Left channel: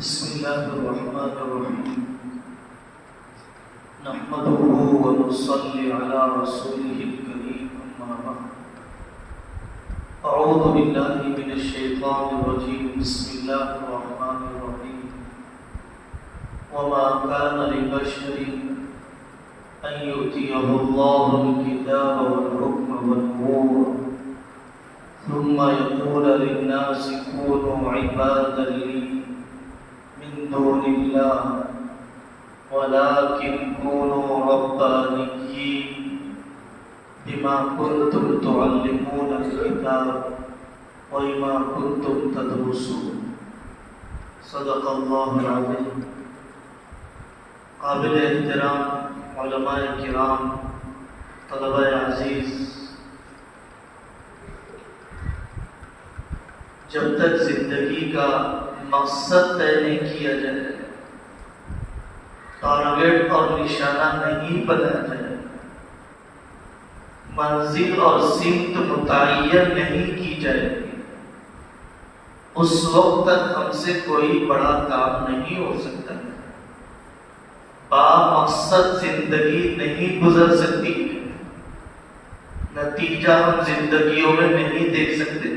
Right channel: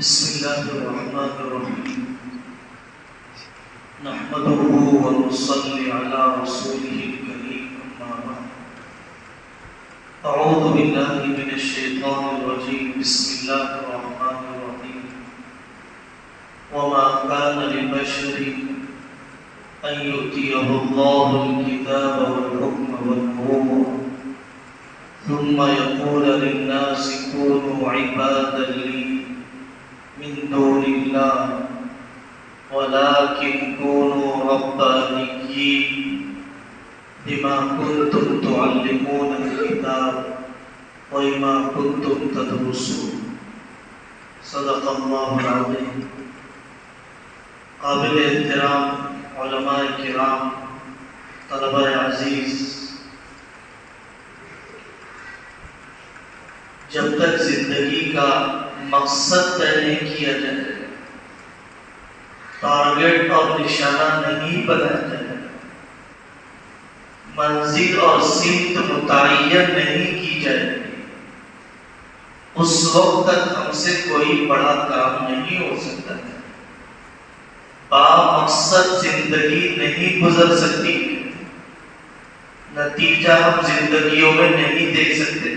بسم الله الرحمن الرحيم نحمده ونصلي على رسوله الكريم أما بعد أعوذ بالله من الشيطان الرجيم بسم الله الرحمن الرحيم وما كان لبشر أن يؤتيه الله الكتاب والحكم والنبوة ثم يقول للناس كونوا عبادا لي من دون الله ولكن كونوا ربانيين بما كنتم تعلمون الكتاب وبما كنتم تدرسون صدق الله العظيم. قابل احترام علماء کرام، طلبہ عزیز، جب تک زندگی کا مقصد طے نہیں کیا جائے، ٹارگیٹ اور نشانہ نہیں بنایا جائے، منزل اور سمت متعین نہیں کی جائے، اس وقت تک ہم سے کوئی بڑا کام نہیں ہو سکتا، با مقصد زندگی نہیں گزر سکتی، نتیجہ ہم زندگیوں میں نہیں دیکھ سکتے۔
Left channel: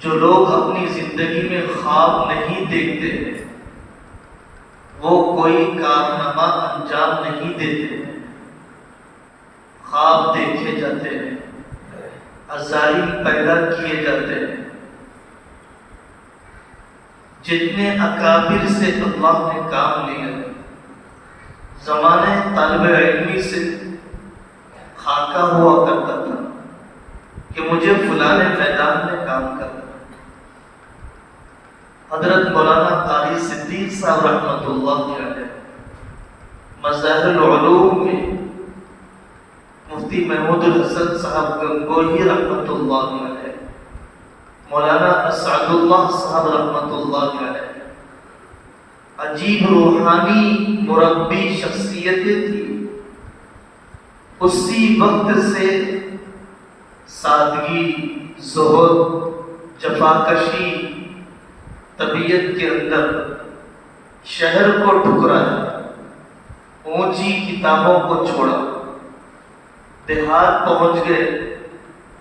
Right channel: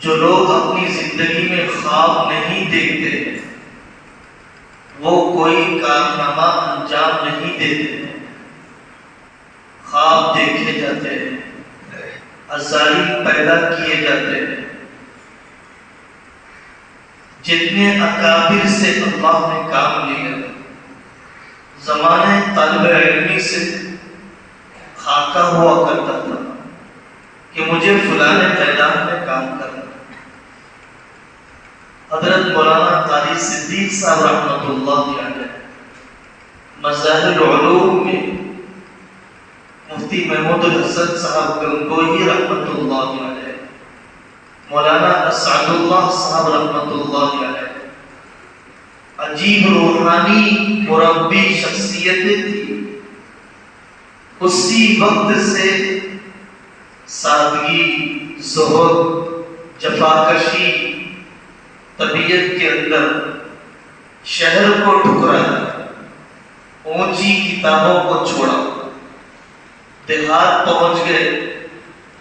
جو لوگ اپنی زندگی میں خواب نہیں دیکھتے وہ کوئی کارنامہ انجام نہیں دیتے، خواب دیکھے جاتے ہیں، عزائم پیدا کیے جاتے ہیں۔ جتنے اکابر سے اللہ نے کام لیا، زمانے طالب علمی سے خاکہ ہوا کرتا تھا کہ مجھے فلاں میدان میں کام کرنا۔ حضرت مولانا قاری صدیق صاحب رحمۃ اللہ علیہ مظاہر العلوم میں مفتی محمود الحسن صاحب گنگوہی رحمۃ اللہ علیہ، مولانا اسعد اللہ صاحب رحمۃ اللہ علیہ، عجیب روحانی مربی شخصیتیں تھی۔ اسی وقت سے سادگی، زہد، جفاکشی طبیعت کے اندر شہر کو ٹھکرایا، اونچی کتابوں کو چھوڑا، دیہات پہنچ گئے،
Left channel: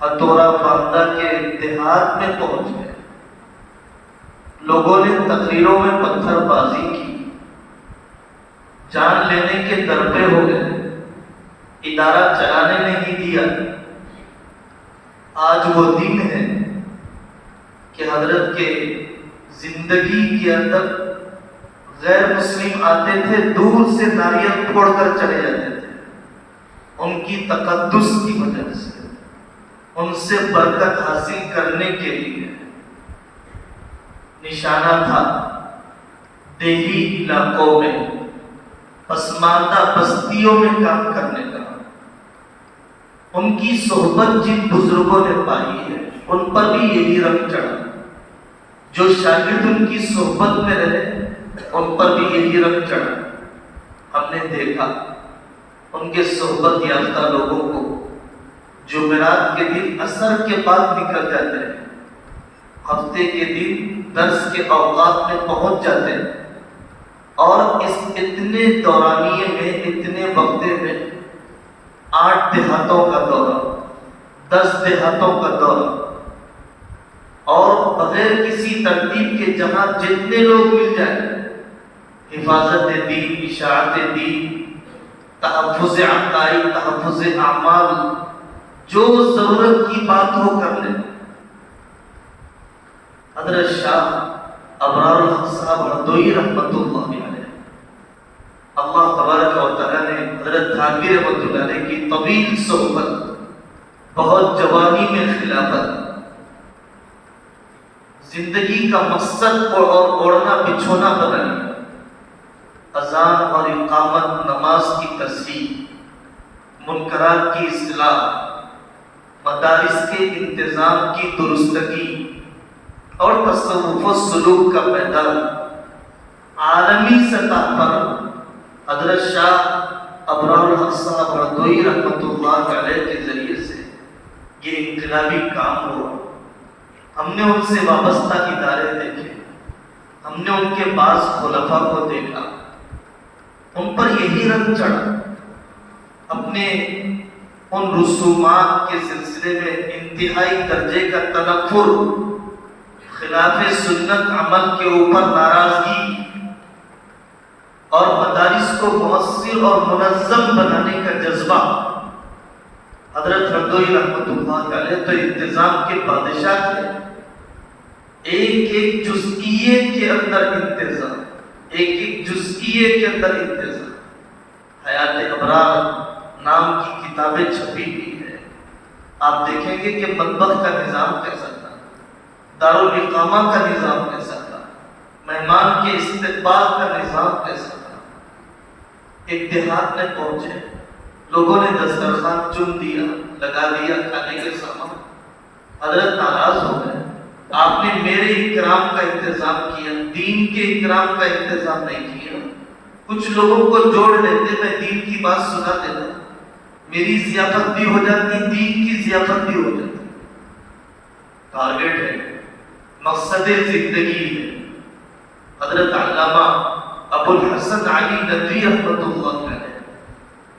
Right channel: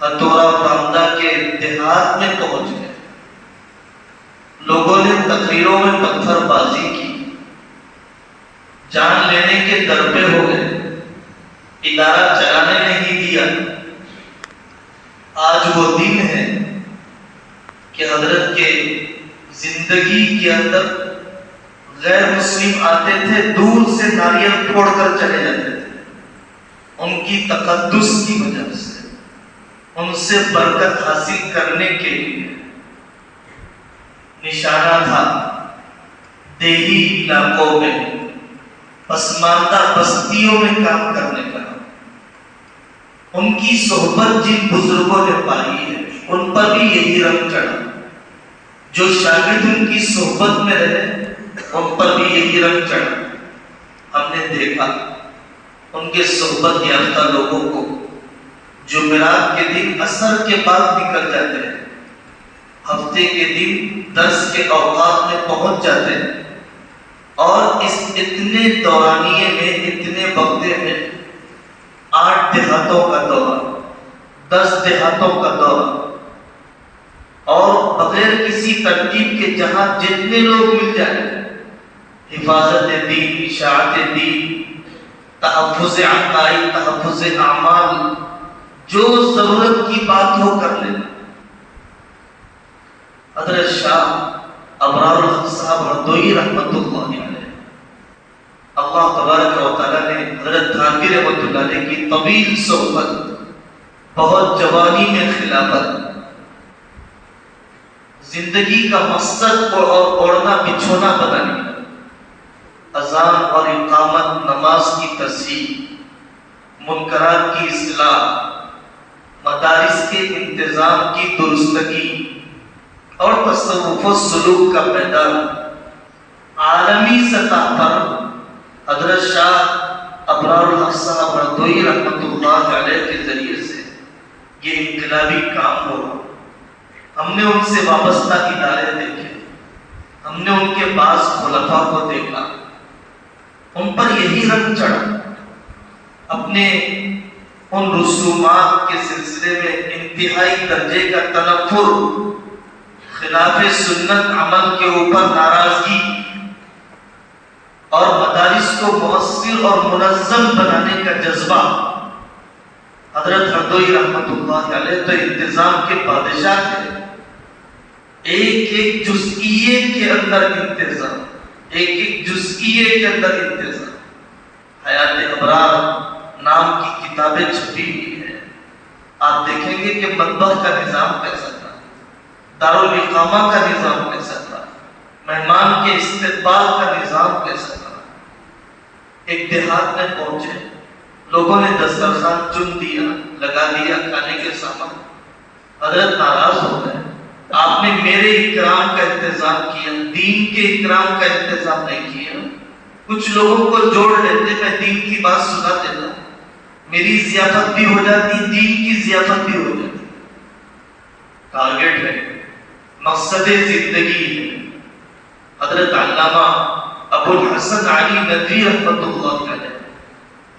ہتھوڑا باندھا کے دیہات میں پہنچ گئے۔ لوگوں نے تقریروں میں پتھر بازی کی، جان لینے کے در پہ ہو گئے، ادارہ چلانے نہیں دیا۔ آج وہ دن ہے کہ حضرت کے زندگی کے اندر غیر مسلم آتے تھے، دور سے ناریل پھوڑ کر چلے جاتے تھے، ان کی تقدس کی وجہ سے، ان سے برکت حاصل کرنے کے لیے۔ نشانہ تھا دیہی علاقوں میں، پسماندہ بستیوں میں کام کرنے کا۔ ان کی صحبت جن بزرگوں نے پائی ہے ان پر بھی یہی رنگ چڑھا، جو شاگرد ان کی صحبت میں رہے ان پر بھی یہی رنگ چڑھا۔ ہم نے دیکھا ان کے صحبت یافتہ لوگوں کو جمعرات کے دن عصر کے بعد نکل جاتے ہیں، ہفتے کے دن درس کے اوقات میں پہنچ جاتے ہیں، اور اس اتنے دورانیے میں، اتنے وقتے میں 8 دیہاتوں کا دورہ، 10 دیہاتوں کا دورہ، اور بغیر کسی ترتیب کے جہاں جتنے لوگ مل جائیں، حفاظت دین، اشاعت دین، تحفظ عقائد، تحفظ اعمال، جو ضرورت کی بات ہو کر لیں۔ حضرت شاہ ابرار الحق صاحب ہردوئی رحمۃ اللہ علیہ، اللہ تبارک و تعالیٰ نے حضرت تھانوی رحمۃ اللہ علیہ کی طویل صحبت، بہت جوانی میں خلافت، زندگی کا مقصد اور اوڑھنا بچھونا بنا لیا، اذان اور اقامت، نماز کی تصحیح، منکرات کی اصلاح، مدارس کے انتظام کی درستگی، اور تصوف و سلوک کا میدان۔ عالمی سطح پر حضرت شاہ ابرار الحق صاحب ہردوئی رحمۃ اللہ علیہ کے ذریعے سے یہ انقلابی کام ہو رہا۔ ہم نے ان سے وابستہ ادارے دیکھے، ہم نے ان کے بعض خلفاء کو دیکھا، ان پر یہی رنگ چڑھا، اپنے ان رسومات کے سلسلے میں انتہائی درجے کا تنفر، خلاف سنت عمل کے اوپر ناراضگی، اور مدارس کو مؤثر اور منظم بنانے کا جذبہ۔ حضرت ہردوئی رحمت اللہ علیہ تو انتظام کے بادشاہ تھے، ایک ایک جزئیے کے اندر انتظام، ایک ایک جزئیے کے اندر انتظام۔ حیات ابرار نام کی کتابیں چھپی ہوئی ہیں، آپ دیکھیں گے کہ مطبخ کا نظام کیسا تھا، دارالاقامہ کا نظام کیسا تھا، مہمان کے استقبال کا نظام کیسا تھا۔ ایک دیہات میں پہنچے، لوگوں نے دسترخوان چن دیا، لگا دیا کھانے کے سامان، حضرت ناراض ہو گئے، آپ نے میرے اکرام کا انتظام کیا، دین کے اکرام کا انتظام نہیں کیا۔ کچھ لوگوں کو جوڑ لیتے، میں دین کی بات سنا دیتا، میری ضیافت بھی ہو جاتی، دین کی ضیافت بھی ہو جاتی۔ ٹارگیٹ ہے، مقصد زندگی ہے۔ حضرت علامہ ابو الحسن علی ندوی رحمۃ اللہ علیہ،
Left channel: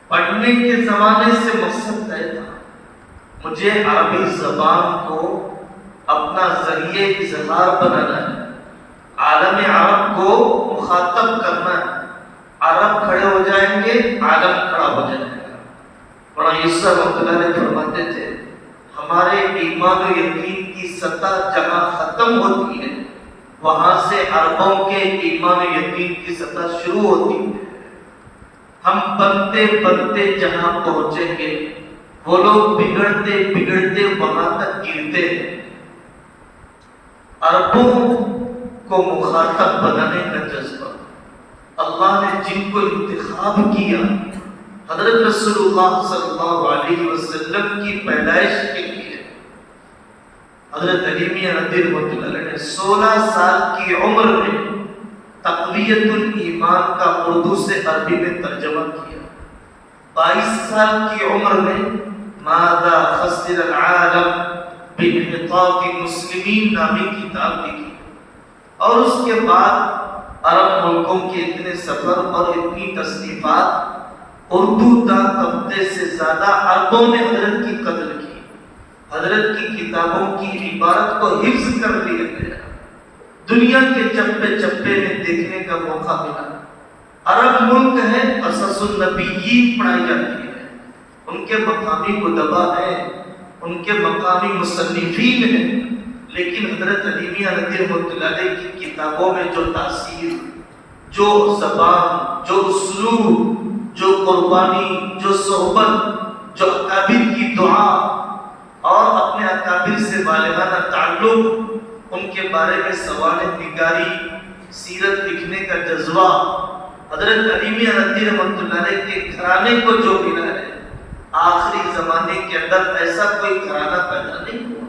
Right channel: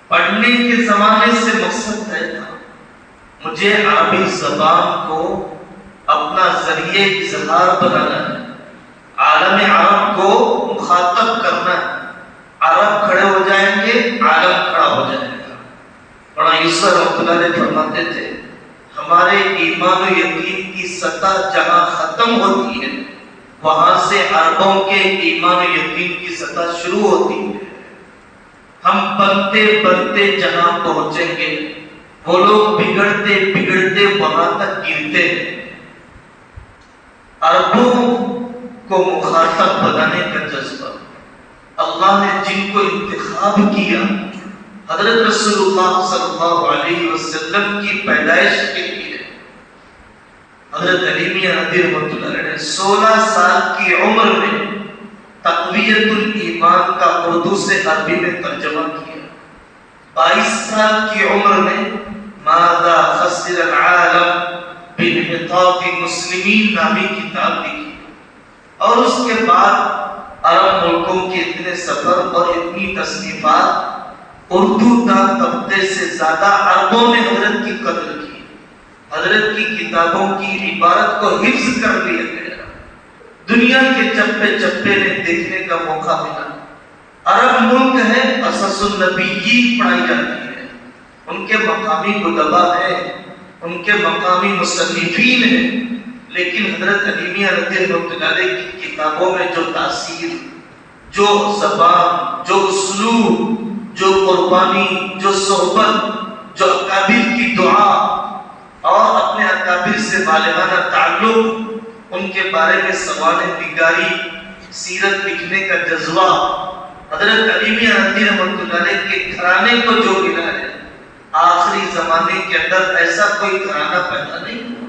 پڑھنے کے زمانے سے مقصد طے تھا، مجھے عربی زبان کو اپنا ذریعہ اظہار بنانا ہے، عالم عرب کو مخاطب کرنا ہے۔ عرب کھڑے ہو جائیں گے، عالم کھڑا ہو جائے گا۔ بڑا یوسف رحمۃ اللہ علیہ فرماتے تھے، ہمارے ایمان و یقین کی سطح جہاں ختم ہوتی ہے، وہاں سے عربوں کے ایمان و یقین کی سطح شروع ہوتی ہے۔ ہم بنتے بنتے جہاں پہنچیں گے، وہ لوگ بگڑتے بگڑتے وہاں تک گرتے ہیں۔ عربوں کو مخاطب بنانے کا جذبہ، اللہ نے جن کو انتخاب کیا، حضرت رسول اللہ صلی اللہ علیہ وسلم کی پیدائش کے لیے، حضرت علی میاں ندوی رحمۃ اللہ علیہ نے 16 سال کی عمر میں تقویت الایمان کا اردو سے عربی میں ترجمہ کیا، 22 سال کی عمر میں ماذا خسر العالم بانحطاط المسلمین نامی کتاب لکھی، اور اس کے بعد عرب ملکوں کے اتنے سفر اور اتنی تصنیفات، اردو دان طبقے سے زیادہ عربوں نے حضرت کی قدر کی، حضرت کی کتابوں کی عبارت کو حفظ کر لیا گیا، دنیا کے چپے چپے میں دیکھنے کا موقع ملا۔ عرب ملک ہے، قصص النبیین پڑھائی جاتی ہے، ان کے مقامی ادبا ہیں، ان کے مقامی مصنفین ہیں، لیکن حضرت علی میاں ندوی رحمۃ اللہ علیہ کی کتابوں میں جو تاثیر، جو زبان، جو اسلوب، جو قربانی، جو صحبت، جو اکابر کی دعا اور اپنے اکابر سے بالغانہ تعلق، ان کے بارے میں سوانح نگاری، سیرت لکھنے کا جذبہ، حضرت علی میاں ندوی رحمۃ اللہ علیہ کے گھرانے کو جو ملا ہے، آخری زمانے کے اندر ایسا کوئی گھرانہ پیدا نہیں ہوا۔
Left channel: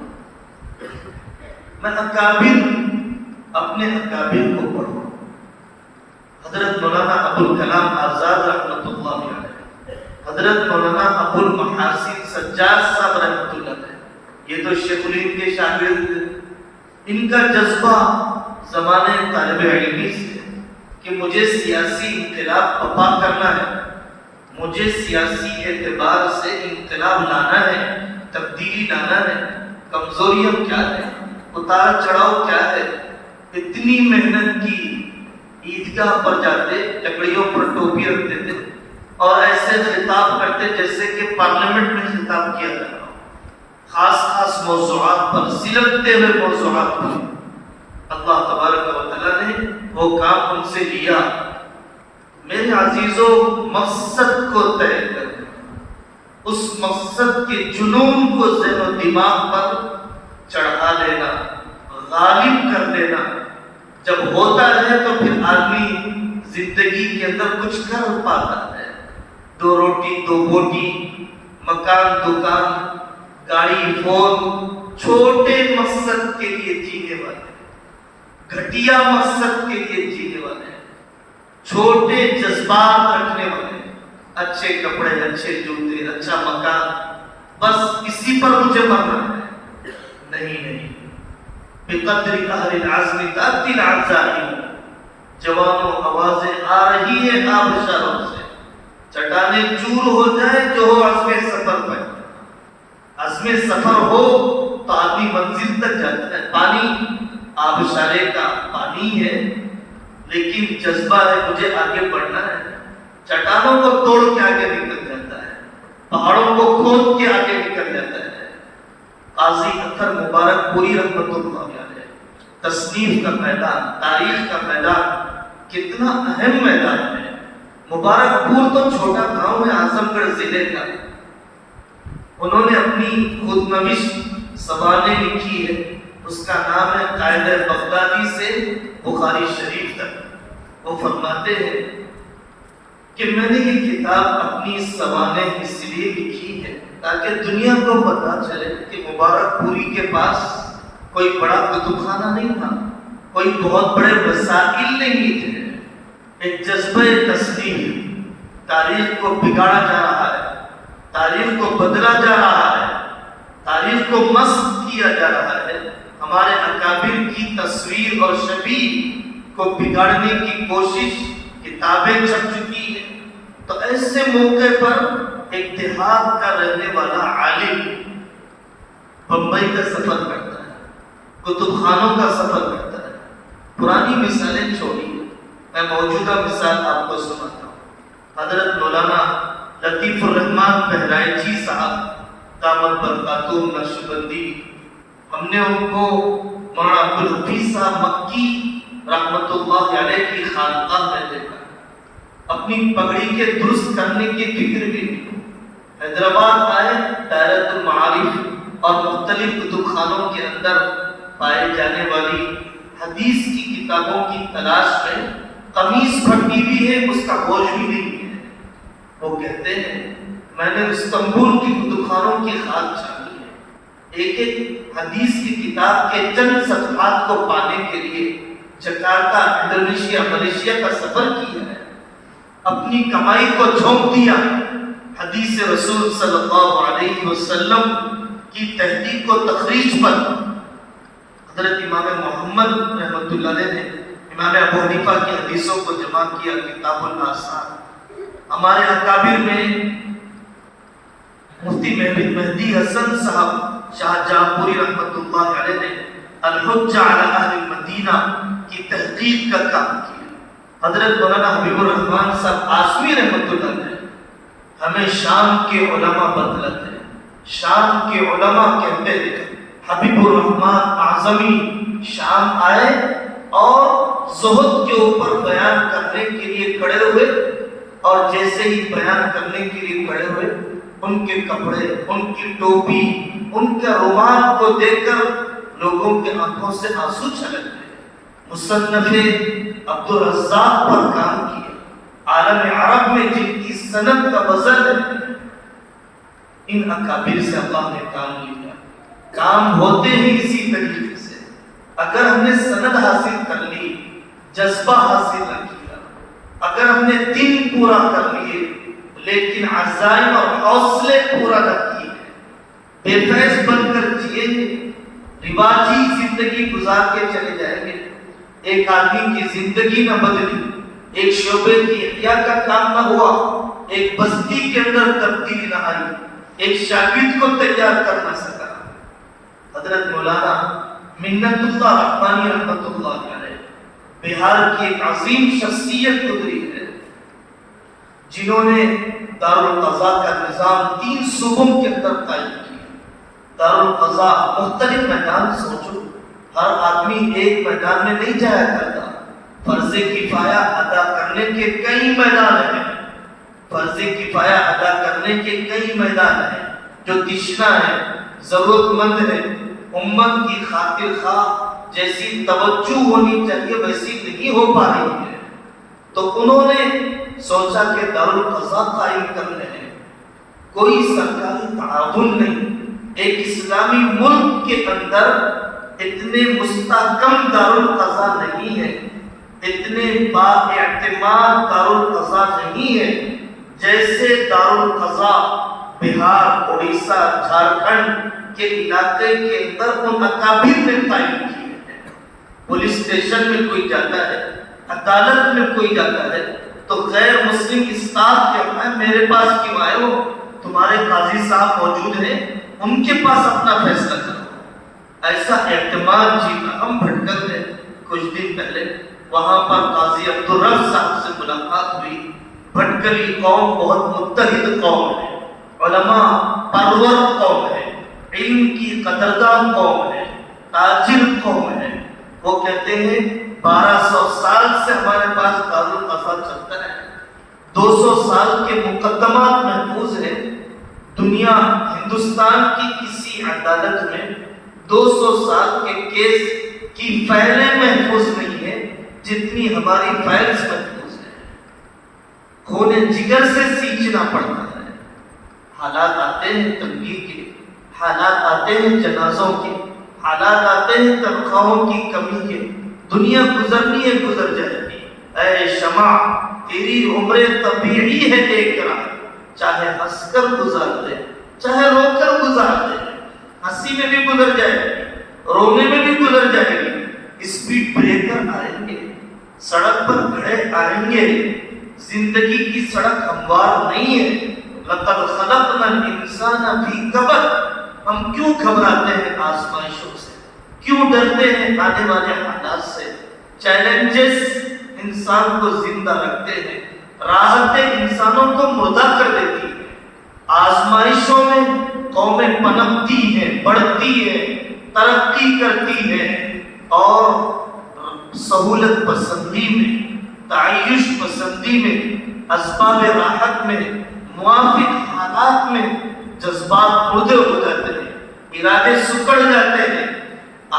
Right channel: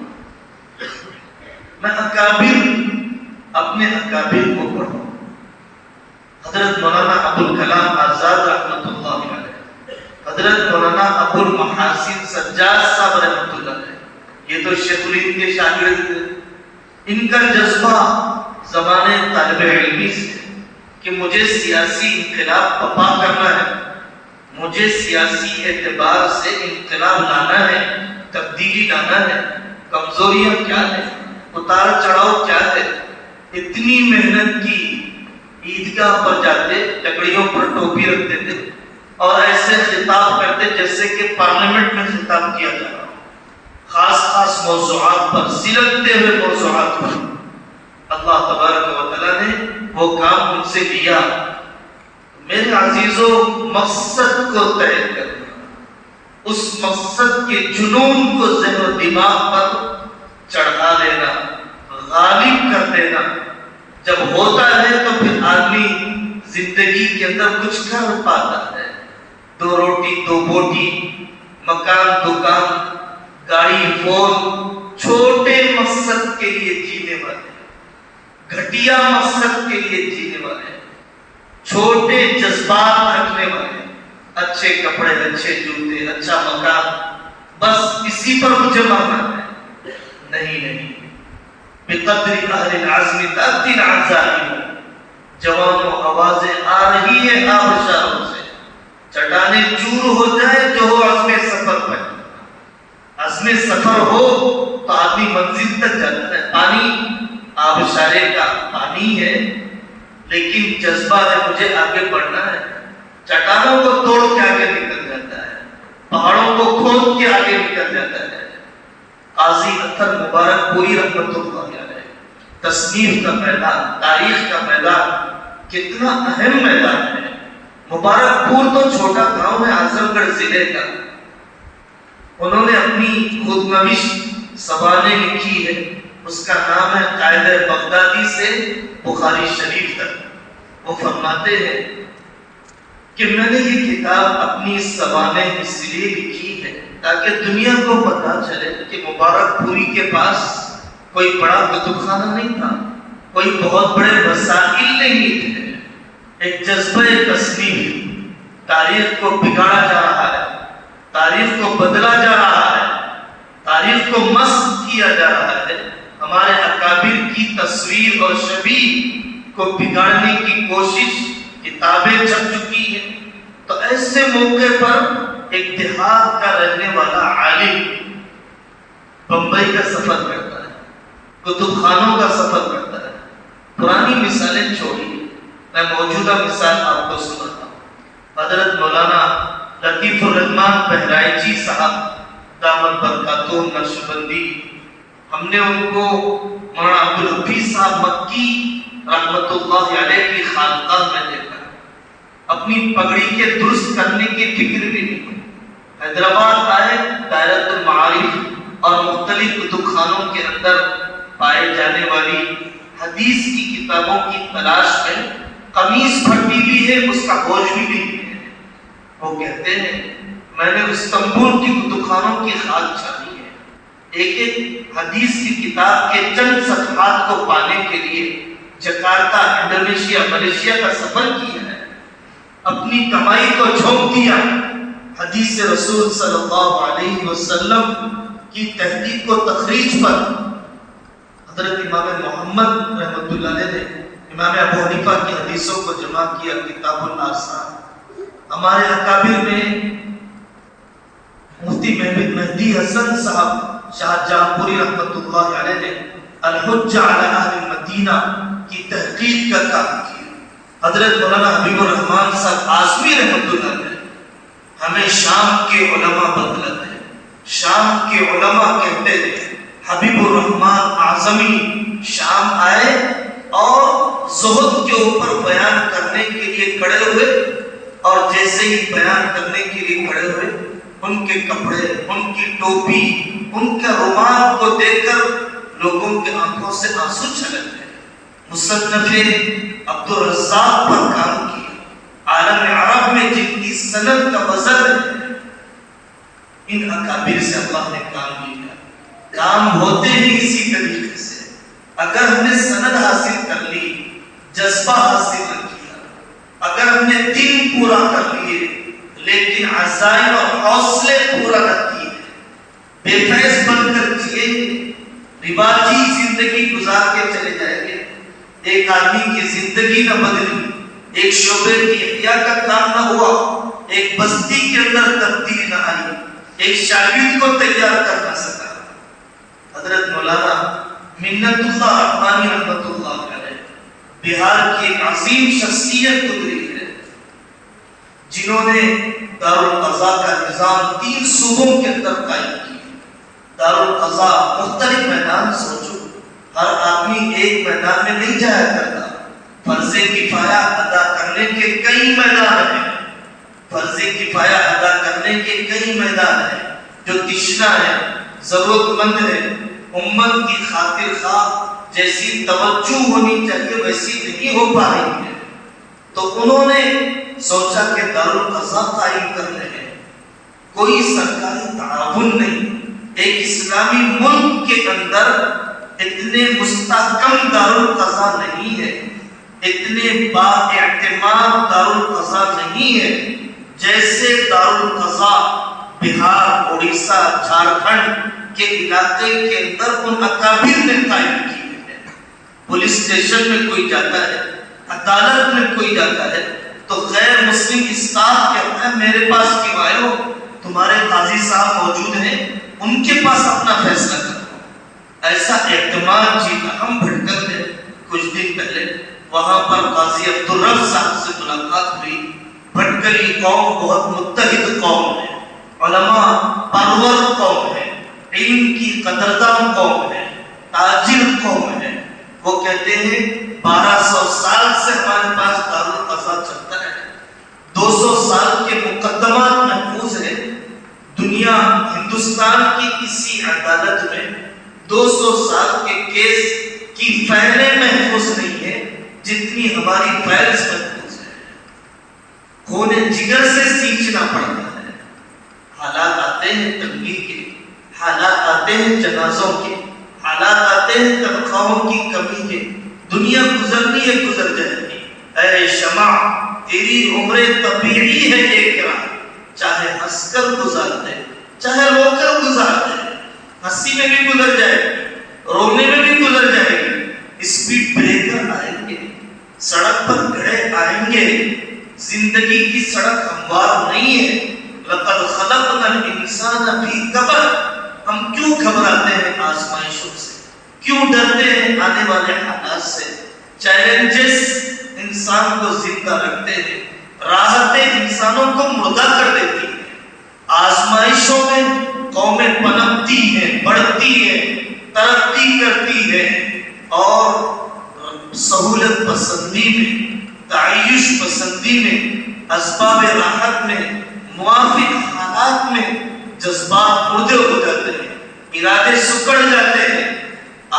میں اکابر، اپنے اکابر کو پڑھوں، حضرت مولانا ابو الکلام آزاد رحمۃ اللہ علیہ، حضرت مولانا ابو المحاسن سجاد صاحب رحمۃ اللہ علیہ، یہ تو شیخ الہند کے شاگرد تھے۔ ان کا جذبہ زمانے طالب علمی سے کہ مجھے سیاسی انقلاب بپا کرنا ہے، مجھے سیاسی اعتبار سے انقلاب لانا ہے، تبدیلی لانا ہے، کمزوریاں کیا ہے، اتار چڑھاؤ کیا ہے، اتنی محنت کی، عیدگاہ پر جاتے، لکڑیوں پر ٹوپی رکھتے تھے اور ایسے خطاب کرتے جیسے کہ پارلیمنٹ میں خطاب کیا جا رہا ہو، خاص خاص موضوعات پر، سلگتے ہوئے موضوعات پر۔ اللہ تبارک و تعالیٰ نے وہ کام ان سے لیا۔ میرے عزیزوں، مقصد کو طے کرنا، اس مقصد کے جنون کو ذہن و دماغ پر چڑھا لینا، غالب کر دینا، جب ہوتا ہے تو پھر آدمی زندگی کے اندر کچھ کر پاتا ہے۔ 2 روٹی 2 بوٹی، مکان دکان، گاڑی فون، چھوٹے مقصد کے لیے جینے والے، گھٹیا مقصد کے لیے جینے والے، چھوٹے جذبات رکھنے والے، اچھے کپڑے، اچھے جوتے، اچھا مکان، بس اسی پر مجھے ماننا ہے۔ نہیں، بقدر اہل العزم تأتی العزائم، جوانوں آوازیں آ رہی ہیں آبشاروں سے، چٹانیں چور ہو جائے جو ہو عزم سفر پر، عزم سفر ہو تو آدمی منزل تک جاتا ہے۔ پانی آبشارے کا پانی ہے، لیکن جذبہ ہے مجھے آگے بڑھنا ہے، چٹانوں کو توڑ کے آگے نکل جاتا ہے، پہاڑوں کو کھود کے آگے نکل جاتا ہے۔ قاضی اطہر مبارک پوری رحمت اللہ علیہ، تصنیف کا میدان، تاریخ کا میدان کتنا اہم میدان ہے۔ مبارک پور تو چھوٹا گاؤں ہے اعظم گڑھ ضلع کا، انہوں نے اپنی خود نوش سوانح لکھی ہے، اس کا نام ہے قاعدہ بغدادی سے بخاری شریف تک۔ وہ فرماتے ہیں کہ میں نے یہ کتاب اپنی سوانح اس لیے لکھی ہے تاکہ دنیا کو پتہ چلے کہ مبارک پوری کے پاس کوئی بڑا کتب خانہ نہیں تھا، کوئی بہت بڑے وسائل نہیں تھے، ایک جذبہ تصنیف، تاریخ کو بگاڑا جا رہا ہے، تاریخ کو بدلا جا رہا ہے، تاریخ کو مسخ کیا جا رہا ہے، ہمارے اکابر کی تصویر اور شبیہ کو بگاڑنے کی کوشش کتابیں چھپ چکی ہیں۔ تو ایسے موقع پر ایک دیہات کا رہنے والا عالم بمبئی کا سفر کرتا ہے، کتب خانوں کا سفر کرتا ہے، پرانی مثالیں چھوڑی، میں موجودہ مثال آپ کو سناتا ہوں۔ حضرت مولانا لطیف الرحمان بہرائچی صاحب دامت برکاتہم نقشبندی، ہم نے ان کو مولانا عبدالحفیظ صاحب مکی رحمت اللہ علیہ کی خانقاہ میں دیکھا، اپنی پگڑی کے درست کرنے کی فکر بھی نہیں۔ حیدرآباد آئے، دائرۃ المعارف اور مختلف کتب خانوں کے اندر پائے جانے والی حدیث کی کتابوں کی تلاش میں قمیص پھٹی بھی ہے، اس کا گوشت بھی نہیں ہے۔ وہ کہتے ہیں میں نے استنبول کی کتب خانوں کی خاک چھانی ہے، ایک ایک حدیث کی کتاب کے چند صفحات کو پانے کے لیے جکارتا، انڈونیشیا، ملیشیا کا سفر کیا ہے، اپنی کمائی کو جھونک دیا حدیث رسول صلی اللہ علیہ وسلم کی تحقیق و تخریج پر۔ حضرت امام محمد رحمۃ اللہ علیہ نے امام ابو حنیفہ کی حدیثوں کو جمع کیا، کتاب الآثار۔ ہمارے اکابر میں مفتی مہدی حسن صاحب شاہ جہاں پوری رحمۃ اللہ علیہ نے الحجہ علی اہل المدینہ کی تحقیق کا کام کیا۔ حضرت مولانا حبیب الرحمان صاحب آسمی رحمۃ اللہ علیہ ہمیں شام کے علماء بتلاتے ہیں، شام کے علماء کہتے ہیں حبیب الرحمان اعظمی شام آئے اور زہد کے اوپر بیان کرنے کے لیے کھڑے ہوئے، اور جیسے ہی بیان کرنے کے لیے کھڑے ہوئے ان کے کپڑے، ان کی ٹوپی، ان کے رومال کو دیکھ کر لوگوں کے آنکھوں سے آنسو چھلک گئے۔ مصنف عبد الرزاق پر کام کیا، عالم عرب میں جن کی سند کا وزن ہے، ان اکابر سے اللہ نے کام لیا۔ کام ہوتے ہی اسی طریقے سے، اگر ہم نے سند حاصل کر لی، جذبہ حاصل نہ کیا، اگر ہم نے دن پورا کر لیے لیکن عزائم اور حوصلے پورا نہ کیے، بے فیض بن کر جیے، رواجی زندگی گزار کے چلے جائیں گے، ایک آدمی کی زندگی نہ بدلی، ایک شعبے کی احیاء کا کام نہ ہوا، ایک بستی کے اندر تبدیلی نہ آئی، ایک شاگرد کو تیار کر نہ سکا۔ حضرت مولانا منت اللہ رحمانی رحمت اللہ علیہ بہار کی ایک عظیم شخصیت گزری ہے، جنہوں نے دارالقضاء کا نظام 3 صوبوں کے اندر قائم کیا۔ دارالقضاء مختلف میدان، سوچو ہر آدمی ایک میدان میں نہیں جایا کرتا، فرض کفایہ ادا کرنے کے کئی میدان ہیں، فرض کفایہ ادا کرنے کے کئی میدان ہیں، جو تشنا ہے، ضرورت مند ہے، امت کی خاطر خواہ جیسی توجہ ہونی چاہیے ویسی نہیں ہو پا رہی ہے، تو انہوں نے سوچا کہ دارالقضاء قائم کر رہے ہیں، کوئی سرکاری تعاون نہیں، ایک اسلامی ملک کے اندر اتنے مستحکم دارالقضاء نہیں ہے، اتنے با اعتماد دارالقضاء نہیں ہے جیسے دارالقضاء بہار، اڑیسہ، جھارکھنڈ کے علاقے کے اندر ان اکابر نے قائم کی ہے۔ پولیس اسٹیشن میں کوئی جاتا ہے، عدالت میں کوئی جاتا ہے تو غیر مسلم اسقاط کہتا ہے میرے پاس کیوں آئے ہو، تمہارے قاضی صاحب موجود ہیں، ان کے پاس اپنا فیصلہ کرو۔ ایسا اعتماد جیتا۔ ہم بھٹکل میں کچھ دن پہلے وہاں پر قاضی عبدالرب صاحب سے ملاقات ہوئی۔ بھٹکلی قوم بہت متحد قوم ہے، علماء پرور قوم ہے، علم کی قدردان قوم ہے، تاجر قوم ہے۔ وہ کہتے ہیں 1200 سال سے ہمارے پاس دارالقضا چلتا ہے، 200 سال کے مقدمات محفوظ ہیں۔ دنیا ہندوستان کی کسی عدالت میں 200 سال کے کیس کی فائلیں محفوظ نہیں ہیں جتنی ہماری فائلز محفوظ ہیں۔ خون جگر سے سینچنا پڑتا ہے۔ حالات آتے ہیں تنگی کے، حالات آتے ہیں جنازوں کے، حالات آتے ہیں تنخواہوں کی کمی کے۔ دنیا گزرنی ہے، گزر جائے گی۔ اے شمع تیری عمر طبیعی ہے ایک رات، چاہے ہنس کر گزار دے چاہے رو کر گزار دے۔ ہنسی میں بھی گزر جائے گی، رونے میں بھی گزر جائے گی۔ اسپیڈ بریکر آئیں گے، سڑک پر گڑھے آئیں گے، زندگی کی سڑک ہموار نہیں ہے۔ لقد خلقنا الانسان فی کبد۔ ہم کیوں گھبراتے ہیں آزمائشوں سے، کیوں ڈرتے ہیں آنے والے حالات سے؟ چیلنجز انسان کو زندہ رکھتے ہیں، راحتیں انسانوں کو مردہ کر دیتی ہیں۔ آزمائشوں میں قومیں پنپتی ہیں، بڑھتی ہیں، ترقی کرتی ہیں، اور سہولت پسندی میں، تعیش پسندی میں، اسباب راحت میں، موافق حالات میں جذبات مردے ہو جاتے ہیں، ارادے سکڑ جاتے ہیں۔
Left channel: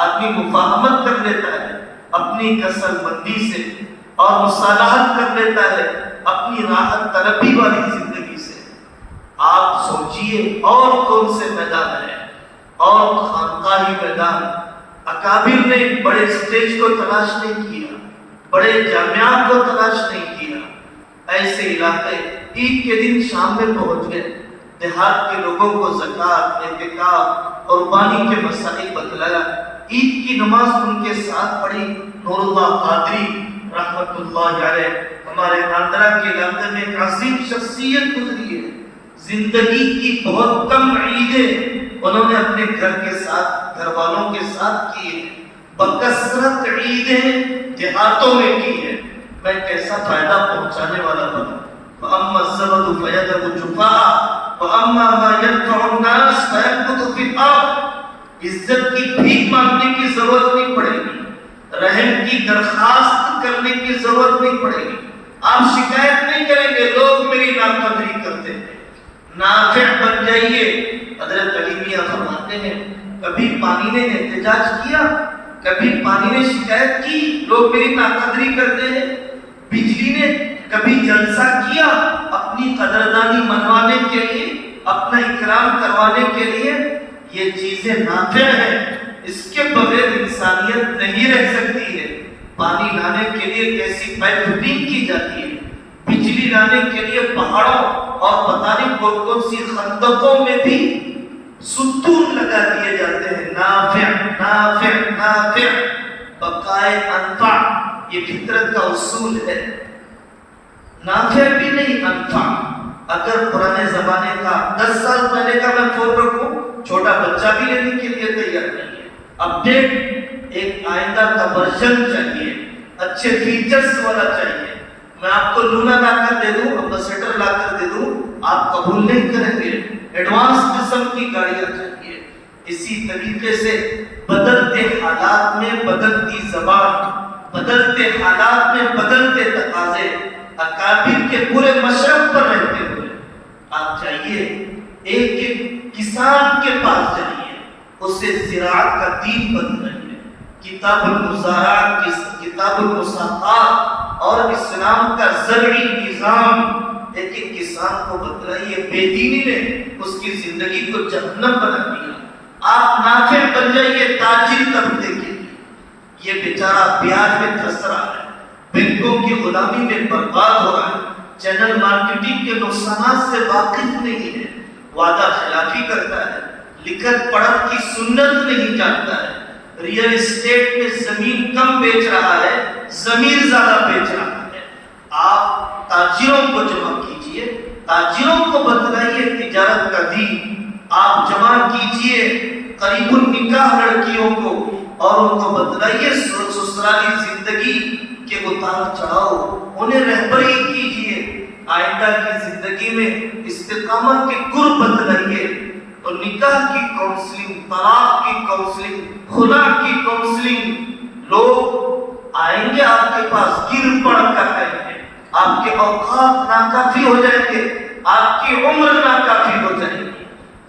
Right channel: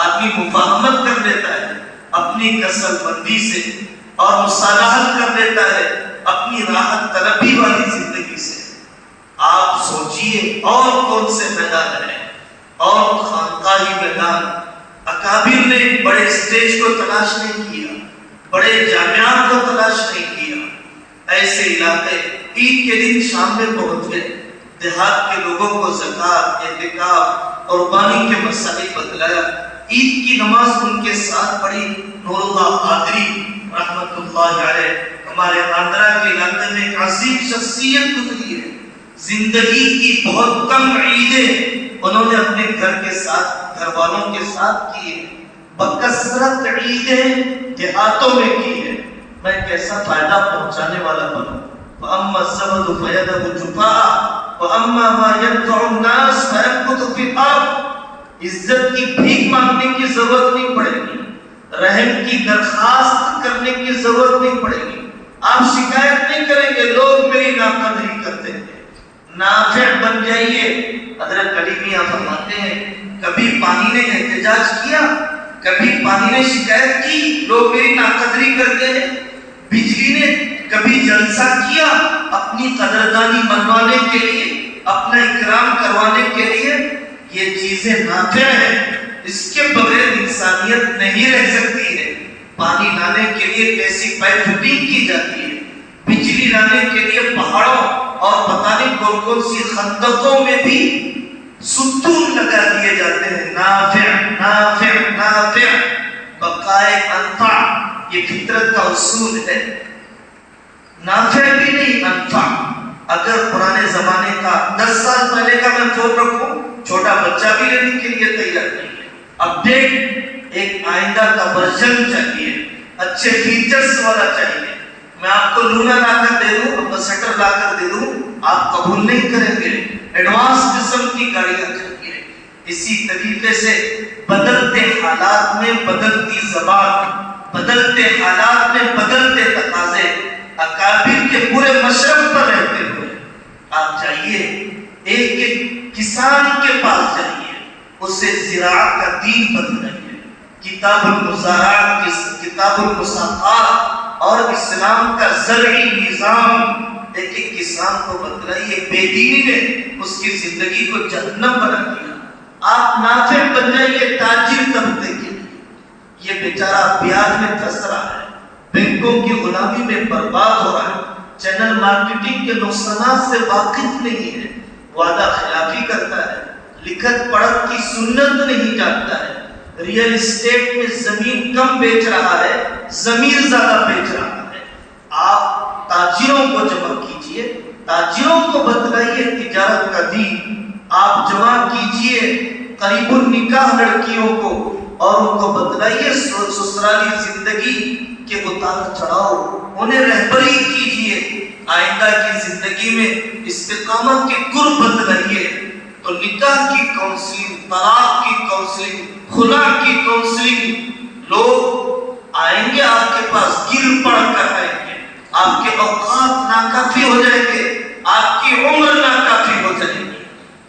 آدمی مفاہمت کر لیتا ہے اپنی کسل بندی سے، اور مصالحت کر لیتا ہے اپنی راحت طلبی والی زندگی سے۔ آپ سوچئے اور کون سے میدان ہیں، اور خانقاہی میدان۔ اکابر نے بڑے اسٹیج کو تلاش نہیں کیا، بڑے جامعات کو تلاش نہیں کیا۔ ایسے علاقے عید کے دن شام میں پہنچ گئے، دیہات کے لوگوں کو زکوٰۃ، اعتکاف، قربانی کے مسائل بتلایا۔ عید کی نماز ان کے ساتھ پڑھی۔ نور اللہ قادری رحمت اللہ علیہ ہمارے آندھرا کے علاقے میں ایک عظیم شخصیت گزری ہے۔ زندگی کی بہت کم عیدیں انہوں نے اپنے گھر کے ساتھ، گھر والوں کے ساتھ کی ہیں، بکثرت عیدیں دیہاتوں میں کی ہیں۔ میں کیسا فائدہ پہنچانے والا بنا۔ وَأَمَّا الزَّبَدُ فَيَذْهَبُ جُفَاءً وَأَمَّا مَا يَنفَعُ النَّاسَ فَيَمْكُثُ فِي الْأَرْضِ۔ عزت کی بھیک مانگنے کی ضرورت نہیں پڑے گی، رحم کی درخواست کرنے کی ضرورت نہیں پڑے گی۔ آپ شکایت نہیں کریں گے لوگ میری ناقدری کرتے ہیں، نافع بن جائیے۔ حضرت علی میاں فرماتے ہیں کبھی پانی نے احتجاج کیا، کبھی پانی نے شکایت کی لوگ میری ناقدری کرتے ہیں، بجلی نے کبھی جلسہ کیا اپنی قدردانی منوانے کے لیے، اپنا اکرام کروانے کے لیے۔ یہ چیزیں نافع ہیں، اس کے بغیر انسانیت نہیں رہ سکتی ہے۔ پانی لانے کے لیے کیسی پائپ فٹنگ کی جاتی ہے، بجلی لانے کے لیے پہاڑوں اور پتہ نہیں کون کون سی خندقوں میں بھی ستون لگا دیے جاتے ہیں۔ نافع نافع نافع، بقائے انفع، یہ فطرت کا اصول ہے۔ نافع بھی نہیں، انفع۔ اگر پرانے زمانے کا 10 سال پہلے کا میں فون رکھوں، چھوٹا بچہ بھی لینے کے لیے تیار نہیں ہے۔ اپڈیٹ ایک آئندہ کا ورژن چاہیے، اچھے فیچرز والا چاہیے۔ میں آپ کو لونا لا کر دے دوں، امبیسڈر لا کر دے دوں، آپ قبول نہیں کریں گے۔ ایڈوانس قسم کی گاڑیاں چاہیے۔ اسی طریقے سے بدلتے حالات میں بدلتی زبان، بدلتے حالات میں بدلتے تقاضے، اکابر کے پورے مشرق پر رہتے ہوئے آپ چاہیے ایک ایک کسان کے پاس جائیے، اسے زراعت کا دین بتلائیے، کتاب المزارعات، کتاب المساقات اور اسلام کا زرعی نظام ایک ایک کسان کو بتلائیے۔ بے دینی نے اس کی زندگی کو جہنم بنا دیا۔ آپ نافع بن جائیے تاجر طبقے کے لیے۔ یہ بیچارہ بیاج میں پھنس رہا ہے، بینکوں کی غلامی میں برباد ہو رہا ہے، چینل مارکیٹنگ کے نقصانات سے واقف نہیں ہے، وعدہ خلافی کرتا ہے، لکھت پڑھت کی سنت نہیں جانتا ہے، ریئل اسٹیٹ میں زمین کم بیچ رہا ہے، ضمیر زیادہ پیچ رہا ہے. آپ تاجروں کو جمع کیجئے، تاجروں کو بتلائیے تجارت کا دین. آپ جمع کیجئے قریب النکاح لڑکیوں کو اور ان کو بتلائیے سسرالی زندگی کے اتار چڑھاؤ، انہیں رہبری کیجئے. آئندہ کی زندگی میں استقامت کے گر بتلائیے. تو نکاح کی کاؤنسلنگ، طلاق کی کاؤنسلنگ، خلا کی کاؤنسلنگ، لوگ آئیں گے آپ کے پاس گر پڑ کر آئیں گے. آپ کے اوقات ناکافی ہو جائیں گے، آپ کی عمر ناکافی ہو جائے گی.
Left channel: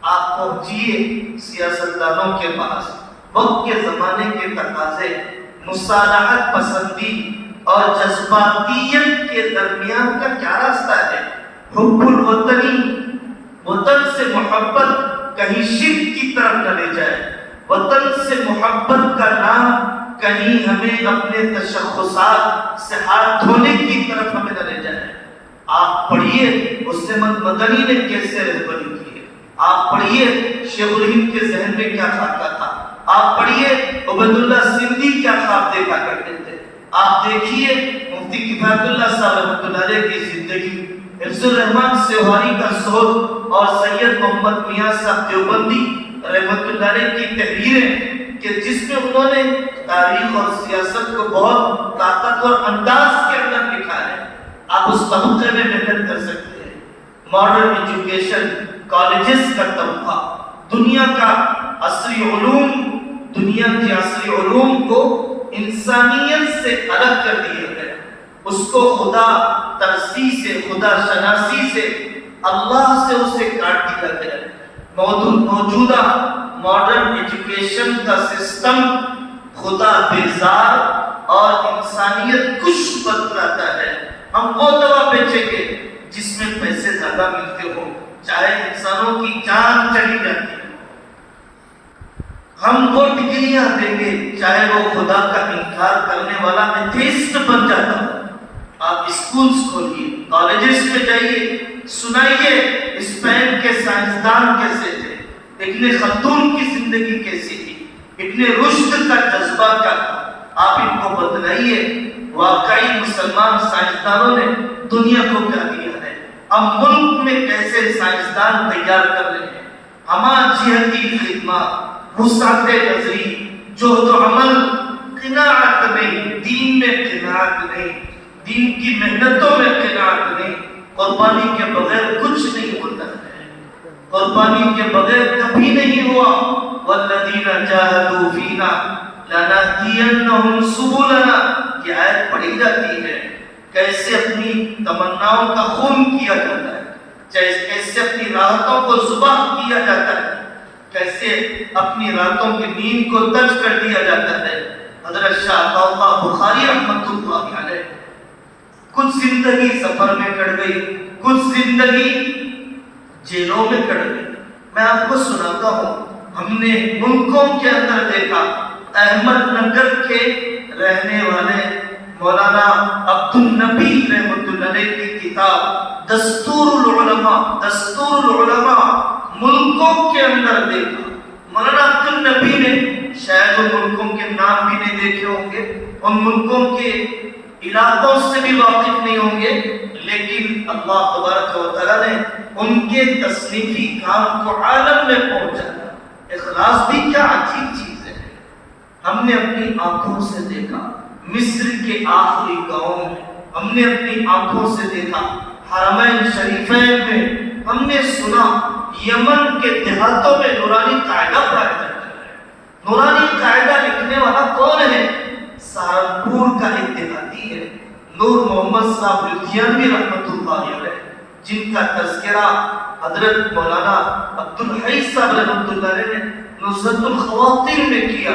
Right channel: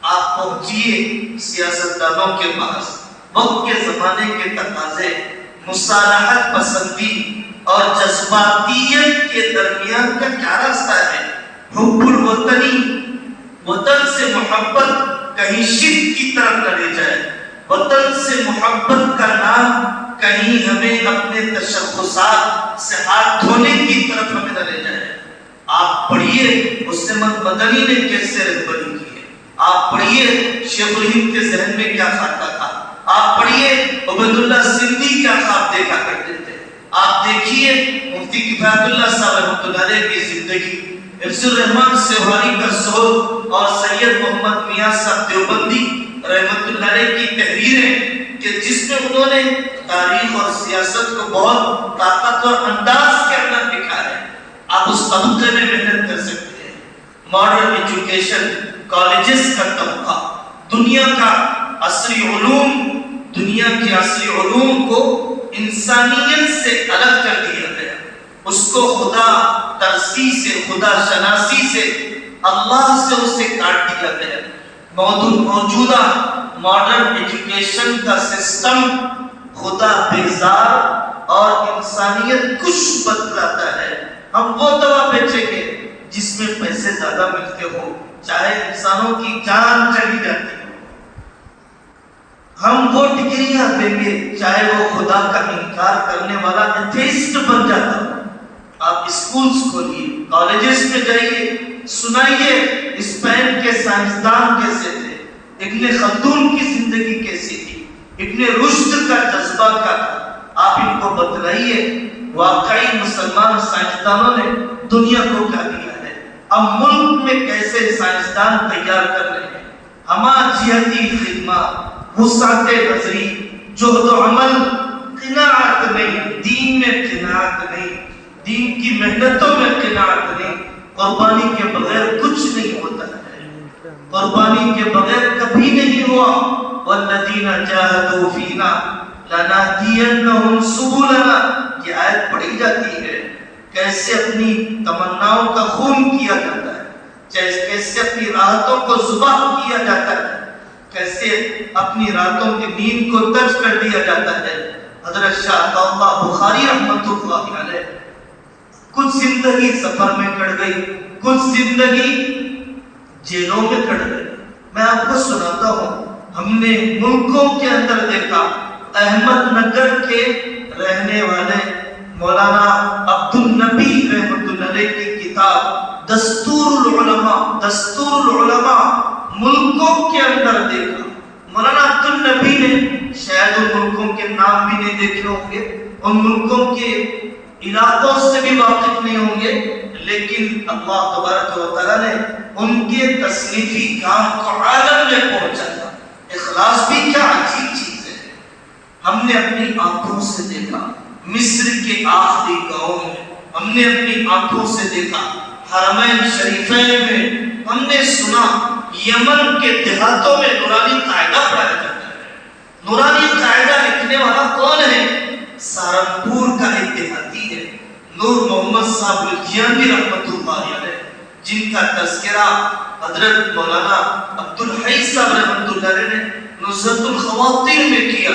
آپ پہنچیے سیاستدانوں کے پاس. وقت کے زمانے کے تقاضے مصالحت پسندی اور جذباتیت کے درمیان کا کیا راستہ ہے؟ حب الوطنی، وطن سے محبت کہیں شرک کی طرف نہ لے جائے. وطن سے محبت کا نام کہیں ہمیں اپنے تشخصات سے ہاتھ دھونے کی طرف ہمیں نہ لے جائے. آپ پڑھیے مسلم مدنی نے کیسے رہبری کی ہے. آپ پڑھیے شیخ الہند کے ذہن میں کیا خاکہ تھا. آپ پڑھیے عبید اللہ سندھی کیا خواب دیکھا کرتے تھے. آپ دیکھیے مفتی کفایت اللہ صاحب رحمۃ اللہ علیہ کی زندگی، حفظ الرحمان سیواری کا سول اور سید محمد میاں صاحب دیوبندی رحمۃ اللہ علیہ کی تحریریں کہ جس میں انہوں نے تاریخ اور سیاست کو بہت طاقتور انداز کے اندر لکھا ہے. آپ اس طبقے میں محنت کر سکتے ہیں. ماڈرن ایجوکیشن، کالجز کا طبقہ، دنیا کا عصری علوم، دنیا کے عصری علوم کو انسانیت سے الگ کر دیا گیا. اس کو خدا ترسی سے، خدا شناسی سے، اللہ سے اسے کاٹ دیا گیا. موجودہ ماڈرن ایجوکیشن کا سسٹم خدا بیزار اور انسانیت کش بتلاتا ہے. ہم وہ دوا بیچیں گے جس میں پیسے زیادہ ملتے ہوں، چاہے انسانوں کی جان چلی جاتی ہے. ہم وہ ڈگریاں دیں گے چاہے وہ خدا کا انکار کرنے والا ایتھیسٹ بن جاتا ہو. آپ اسکولز کھولیے، کالجز میں جائیے، سنائیے اسپین کے سائنسدان کیسے تھے، ابن خلدون کی زندگی کیسی تھی، ابن رشد کا جذبہ کیا تھا. آپ ان کو بتلائیے واقعی مسلمان سائنسدانوں نے دنیا کو کیا دیا ہے. اب ملک میں کیسے سائنسدان تیار کر رہے ہیں. ہما جہتی خدمات، وسعت نظری، جہد و عمل، قناعت نہیں، دین میں قناعت نہیں، دین کی محنتوں میں قناعت نہیں. قربانی کے بغیر کچھ نہیں ہوتا ہے. قربانی کے بغیر کبھی نہیں ہوا. والذین جاہدوا فینا لنہدینہم سبلنا. یہ آیت پڑھی جاتی ہے کیسے اپنی تمناؤں کا خون کیا جاتا ہے، کیسے اپنی راحتوں کو ذبح کیا جاتا ہے، کیسے اپنی راتوں کی نیند کو تج کر دیا جاتا ہے. حضرت شاہ اللہ بخاری رحمۃ اللہ علیہ کچھ زندگی سفر میں کٹ گئی، کچھ زندگی جیلوں میں کٹ گئی. میں آپ کو سناتا ہوں، ہم نے ملکوں کے اندر دیکھا. احمد نگر کے رہنے والے مولانا عبد النبی رحمۃ اللہ علیہ کی کتاب دستور العلماء ملکوں کے اندر دیکھا. مولانا عبد النبی نے شاید ان ملکوں کے نام بھی نہیں دیکھے ہوں گے، ان ملکوں کے علاقوں سے بھی واقف نہیں ہوں گے، لیکن اللہ تبارک و تعالیٰ نے ان کے تصنیفی کام کو عالم میں پہنچایا. اخلاص بھی کیا عجیب چیز ہے. ہم نے اپنی آنکھوں سے دیکھا مصر کے آخری گاؤں میں، ہم نے اپنی آنکھوں سے دیکھا حرمین شریفین میں، ہم نے سنا یمن کے دیہاتوں میں نورانی قاعدہ پڑھایا جاتا ہے. نورانی قاعدہ لکھنے والا کون ہے؟ سہارنپور کا ایک دیہاتی ہے، نور محمد صاحب لدھیانوی رحمۃ اللہ علیہ، جن کا تذکرہ حضرت مولانا عبد الحی صاحب رحمۃ اللہ علیہ نے نزہۃ الخواطر میں کیا.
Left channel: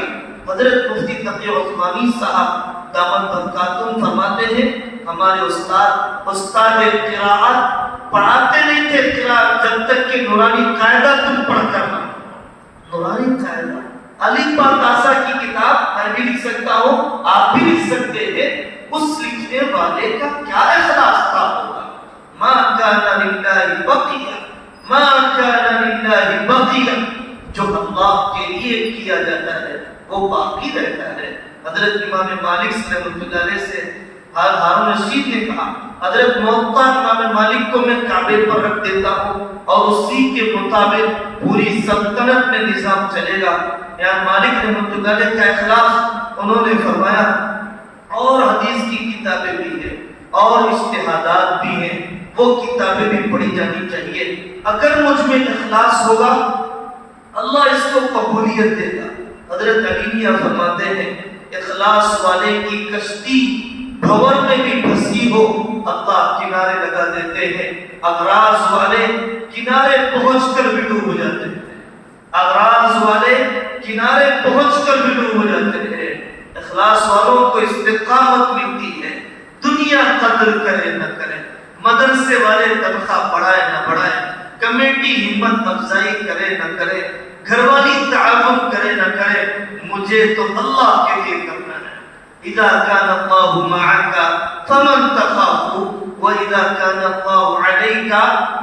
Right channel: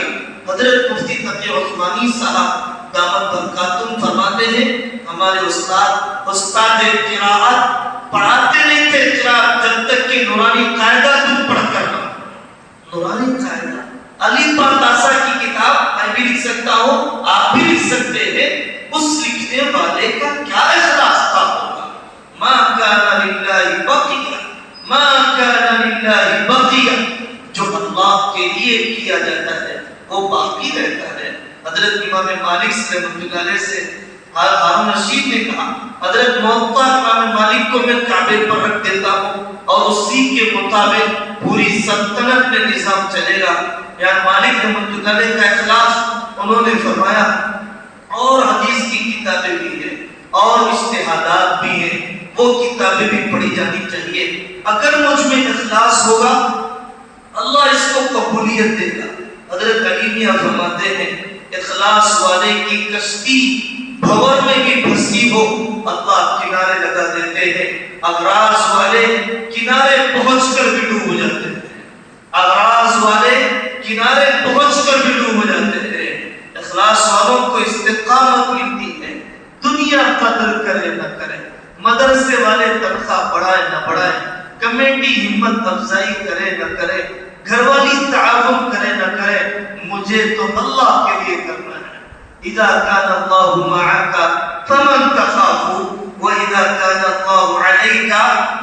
حضرت مفتی تقی عثمانی صاحب دامت برکاتہم فرماتے ہیں ہمارے استاد قراءت پڑھاتے نہیں تھے قراءت جب تک کہ نورانی قاعدہ تم پڑھ کر نہ. نورانی قاعدہ علی پرداسا کی کتاب میں بھی لکھ سکتا ہوں، آپ بھی لکھ سکتے ہیں. اس لکھنے والے کا کیا اخلاص تھا ہوگا. ما کان للہ بقیہ، ما کان للہ بقیہ، جو اللہ کے لیے کیا جاتا ہے وہ باقی رہتا ہے. حضرت امام مالک رحمۃ اللہ علیہ سے ہارون رشید نے کہا حضرت موطا امام مالک کو میں کعبے پر رکھ دیتا ہوں اور اسی کے مطابق پوری سلطنت میں نظام چلے گا. یعنی مالک رحمۃ اللہ علیہ کا اخلاص انہوں نے فرمایا. اور حدیث کی کتابیں بھی ہیں اور اجتہادات بھی ہیں, وہ کتابیں بھی پڑھی جانی چاہیے. اگر مجھ میں اخلاص ہوگا اللہ اس کو قبولیت دے گا. حضرت علی میاں فرماتے ہیں اخلاص والے کی کشتی بھور میں بھی پھنسی ہو اللہ کنارے لگا دیتے ہیں. اغراض والے کنارے پہنچ کر بھی ڈوب ہو جاتے ہیں. اغراض والے کنارے پہنچ کر بھی ڈوب ہو جاتے ہیں. اخلاص والوں کو استقامت ملتی ہے. دنیا قدر کرے نہ کرے, مدرسے والے تنخواہ بڑھائے نہ بڑھائے, کمیٹی ہمت افزائی کرے نہ کرے, گھر والی تعاون کرے نہ کرے, مجھے تو اللہ کے لیے کرنا ہے. اذا كان الله معك فمن تخاف واذا كان الله عليك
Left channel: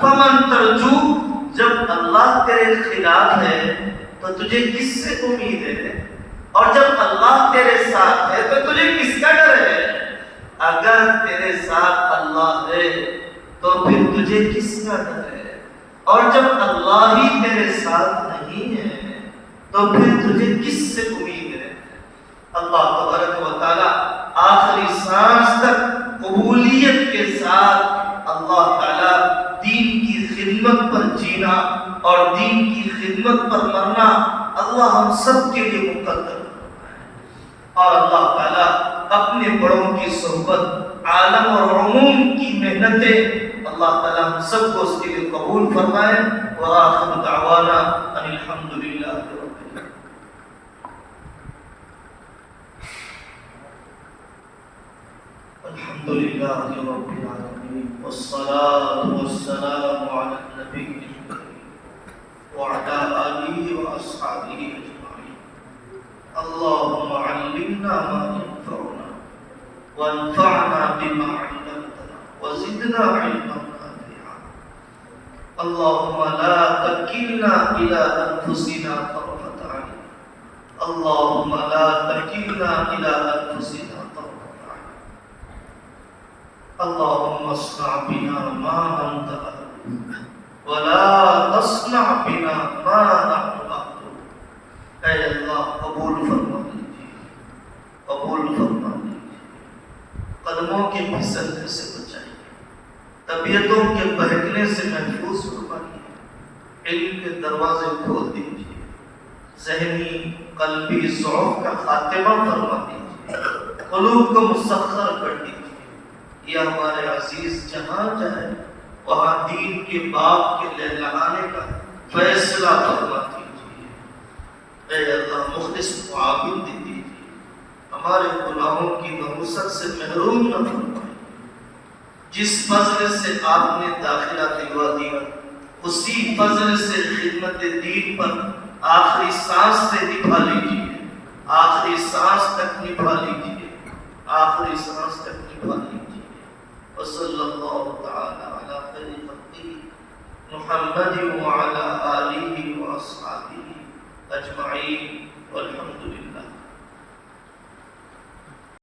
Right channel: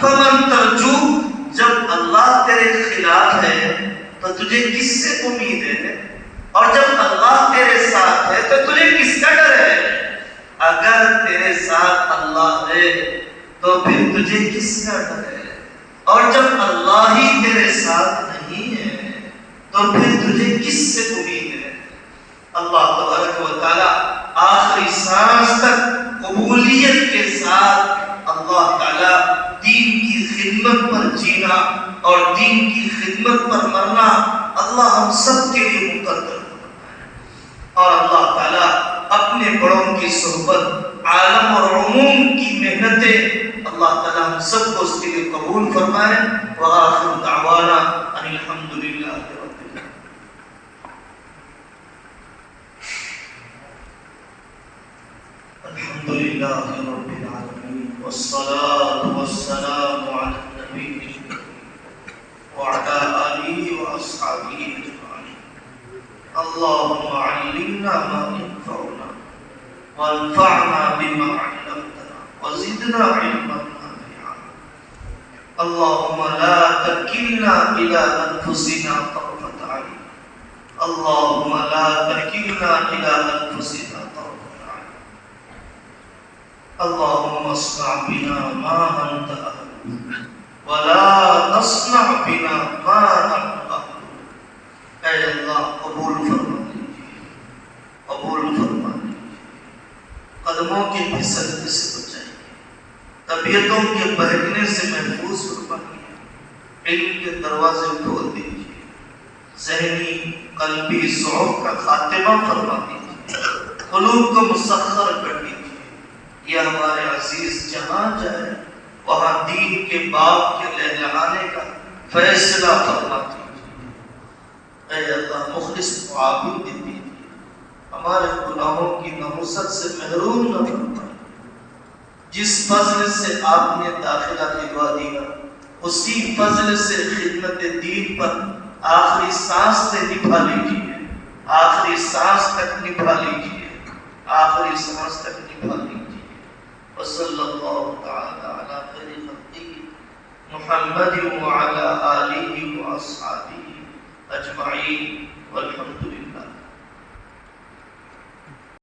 فمن ترجو. جب اللہ تیرے خلاف ہے تو تجھے کس سے امید ہے, اور جب اللہ تیرے ساتھ ہے تو تجھے کس کا ڈر ہے. اگر تیرے ساتھ اللہ ہے تو پھر تجھے کس کا ڈر ہے, اور جب اللہ ہی تیرے ساتھ نہیں ہے تو پھر تجھے کس سے امید ہے. اللہ تبارک و تعالی آخری سانس تک قبولیت کے ساتھ اللہ تعالی دین کی خدمت پر جینا اور دین کی خدمت پر مرنا اللہ ہم سب کے لیے مقدر. اور اللہ تعالی اپنے بڑوں کی صحبت, عالم اور عموم کی محنتیں اللہ تعالی ہم سب کو اس کے لیے قبول فرمائے. وآخر دعوانا ان الحمد للہ رب العالمین. الحمد للہ رب العالمین والصلاة والسلام علی النبی وعلى آلہ وأصحابہ اجمعین. اللهم علمنا ما ينفعنا وانفعنا بما علمتنا وزدنا علما نافعا. اللهم لا تكلنا إلى أنفسنا طرفة عين. اللهم لا تكلنا إلى أنفسنا طرفة عين. اللهم اصنع بنا ما أنت أهل ولا تصنع بنا ما نحن أهل. اے اللہ قبول فرما لیجیے, قبول فرما لیجیے. قدموں کے پھسلنے سے بچائیے, طبیعتوں کے بہکنے سے محفوظ فرمائیے. علم کے دروازے کھول دیجیے, ذہنی قلبی ضعف کا خاتمہ فرما دیجیے, قلوب کو مسخر کر دیجیے. یہ ہمارے عزیز جہاں جائے وہاں دین کے باغ کے لہلہانے کا فیصلہ فرما دیجیے. اے اللہ مخلص معاون دے دیجیے, ہمارے گناہوں کی نحوست سے محروم نہ فرمائے. جس فضل سے آپ نے داخلہ دلوا دیا اسی فضل سے خدمت دین پر آخری سانس سے نبھا لیجیے, آخری سانس تک نبھا لیجیے, آخری سانس تک نبھا لیجیے. وصلی اللہ تعالی علی خیر خلقہ محمد وعلی آلہ واصحابہ اجمعین والحمد للہ.